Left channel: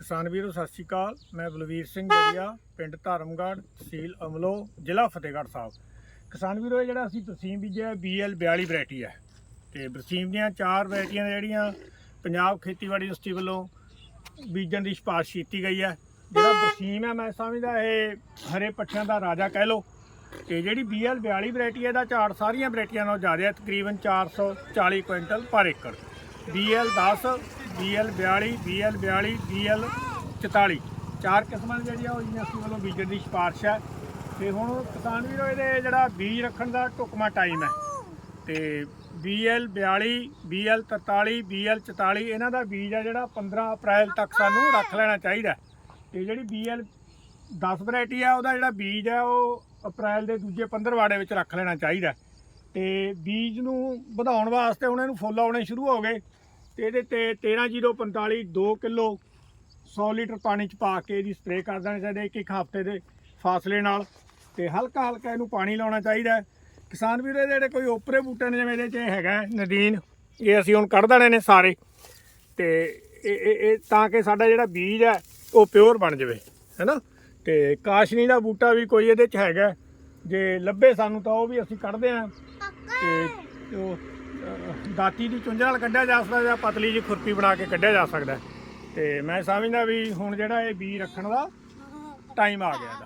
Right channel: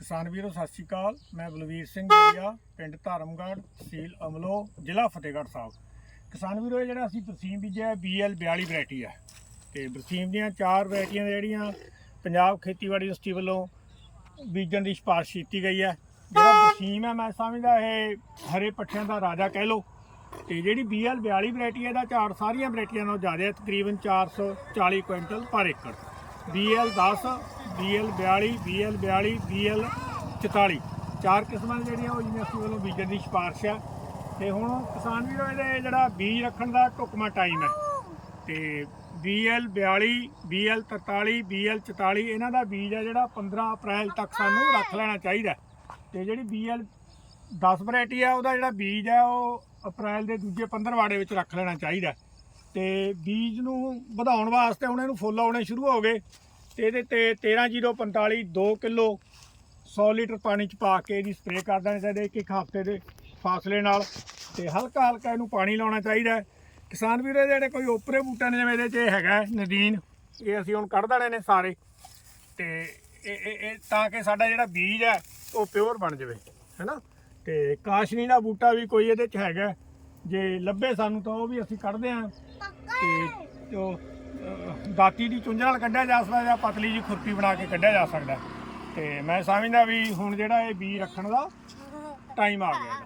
ਕਿਸਾਨ ਵੀਰੋ, ਸਤਿ ਸ਼੍ਰੀ ਅਕਾਲ। ਮੈਂ ਬਲਵੀਰ ਸਿੰਘ ਜੜੀਆ, ਪਿੰਡ ਧਰਮਗੜ੍ਹ, ਤਹਿਸੀਲ ਅਮਲੋ ਜ਼ਿਲ੍ਹਾ ਫਤਿਹਗੜ੍ਹ ਸਾਹਿਬ। ਕਿਸਾਨ ਵੀਰੋ, ਇਹ ਜਿਹੜਾ ਅਸੀਂ ਬਰਸੀਮ ਬੀਜਿਆ BL 42 ਵੈਰਾਈਟੀ ਹੈ। ਤੇ ਬਰਸੀਮ ਦੀਆਂ ਚਾਰ ਵੈਰਾਈਟੀਆਂ ਜਿਹੜੀਆਂ ਪੰਜਾਬ ਖੇਤੀਬਾੜੀ ਯੂਨੀਵਰਸਿਟੀ ਵੱਲੋਂ ਬੀਜਣ ਦੀ ਸਿਫਾਰਿਸ਼ ਕੀਤੀ ਗਈ ਹੈ। ਜਿਹੜਾ ਬਰਸੀਮ ਹੈ, ਮੈਂ ਸਮਝਦਾ ਇਹ ਹਰੇ ਪੱਠਿਆਂ ਦਾ ਰਾਜਾ ਕਹਿ ਲਓ। ਤੇ ਜਿਹੜੀ BL 42 ਵੈਰਾਈਟੀ ਹੈ, ਇਹਦਾ ਝਾੜ ਸਾਰੀਆਂ ਵੈਰਾਈਟੀਆਂ ਨਾਲੋਂ ਜ਼ਿਆਦਾ ਹੈ, ਤਕਰੀਬਨ 440 ਕੁਇੰਟਲ ਪਰ ਏਕੜ। BL 10 BL 42 BL 42 BL 44 ਚਾਰ ਕਿਸਮਾਂ ਦੀਆਂ ਜਿਹੜੀਆਂ ਉਹ ਯੂਨੀਵਰਸਿਟੀ ਵੱਲੋਂ ਬੀਜਣ ਦੀ ਸਿਫਾਰਿਸ਼ ਹੈ ਤੇ ਹੁਣ ਕਿਸਾਨ ਵੀਰੋ, ਇਹਦੇ ਜਿਹੜਾ ਬੀਜ ਰੱਖਣ ਦਾ ਢੁਕਮਾ ਟਾਈਮ ਹੈ ਤੇ BL 42 BL 43 BL 44 ਇਹਨਾਂ ਦਾ ਬੀਜ ਹੈ ਜਿਹੜਾ 15 ਅਪ੍ਰੈਲ ਤੱਕ ਸਾਨੂੰ ਰੱਖ ਲੈਣਾ ਚਾਹੀਦਾ। ਹੈ। ਤੇ ਜਿਹੜੀ BL 10 ਵੈਰਾਈਟੀ ਹੈ ਉਹਦਾ ਜਿਹੜਾ ਬੀਜ ਹੈ ਉਹ ਅਪ੍ਰੈਲ ਦੇ ਦੂਜੇ 15 ਵਾੜੇ ਵਿੱਚ ਰੱਖ ਲੈਣਾ ਚਾਹੀਦਾ। ਤੇ ਬੀਜ ਨੂੰ ਵਧਾਉਣ ਵਾਸਤੇ ਹੁਣ ਇਹਨੂੰ ਫੁੱਲ ਆਉਣੇ ਸ਼ੁਰੂ ਹੋ ਗਏ ਤੇ ਇਹਦੇ ਤੇ 13045 2 ਕਿਲੋ 100 ਲੀਟਰ ਪਾਣੀ ਚ ਪਾ ਕੇ ਇਹਦੀ ਸਪਰੇਅ ਕਰ ਦੇਣੀ ਚਾਹੀਦੀ ਇੱਕ ਇੱਕ ਹਫ਼ਤੇ ਦੇ ਫਾਸਲੇ ਨਾਲ ਤੇ ਹਲਕਾ ਹਲਕਾ ਇਹਨੂੰ ਪਾਣੀ ਲਾਉਣਾ ਚਾਹੀਦਾ ਹੈ। ਕਿਸਾਨ ਵੀਰੇ ਜਿਹੜੇ ਕੋਈ ਓਪਰੇ ਬੂਟੇ ਨੇ, ਜਿਵੇਂ ਇਹਦੇ ਚ ਇਹ ਹੈਗਾ ਨਦੀਨ, ਇਹ ਅਸੀਂ ਹੁਣ ਕੱਢ ਦੇਣੇ ਨੇ ਸਾਰੇ ਤੇ ਇਹ ਇਹ ਤਾਂ ਕਿ ਸਾਡਾ ਜਿਹੜਾ ਬੀਜ ਹੈ, ਉਹ ਪਿਓਰ ਬਣ ਜਾਵੇ, ਹੈਨਾ? ਤੇ ਕਾਸ਼ਨੀ ਦਾ ਬੂਟਾ ਵੀ ਕੋਈ ਇਹਦੇ ਚ ਹੈਗਾ ਜੇ ਲੱਭੇ ਸਾਨੂੰ ਤਾਂ ਉਹ ਵੀ ਅਸੀਂ ਕੱਢਦੇ ਆਂ ਤੇ ਉਹ ਦਾਤੀ ਦੀ ਚੁੰਝ ਨਾਲ ਕੱਢਿਆ ਜਾ ਸਕਦਾ ਜਾਂ ਪਤਲੀ ਜਿਹੀ ਖੁਰਪੀ ਬਣਾ ਕੇ ਕੱਢਿਆ ਜਾ ਸਕਦਾ। ਤੇ ਮੈਂ ਸਮਝਦਾ ਵੀ ਹੁਣ ਜਿਹੜਾ ਇਹ ਬੀਜ ਰੱਖਣ ਦਾ ਟਾਈਮ ਆ ਗਿਆ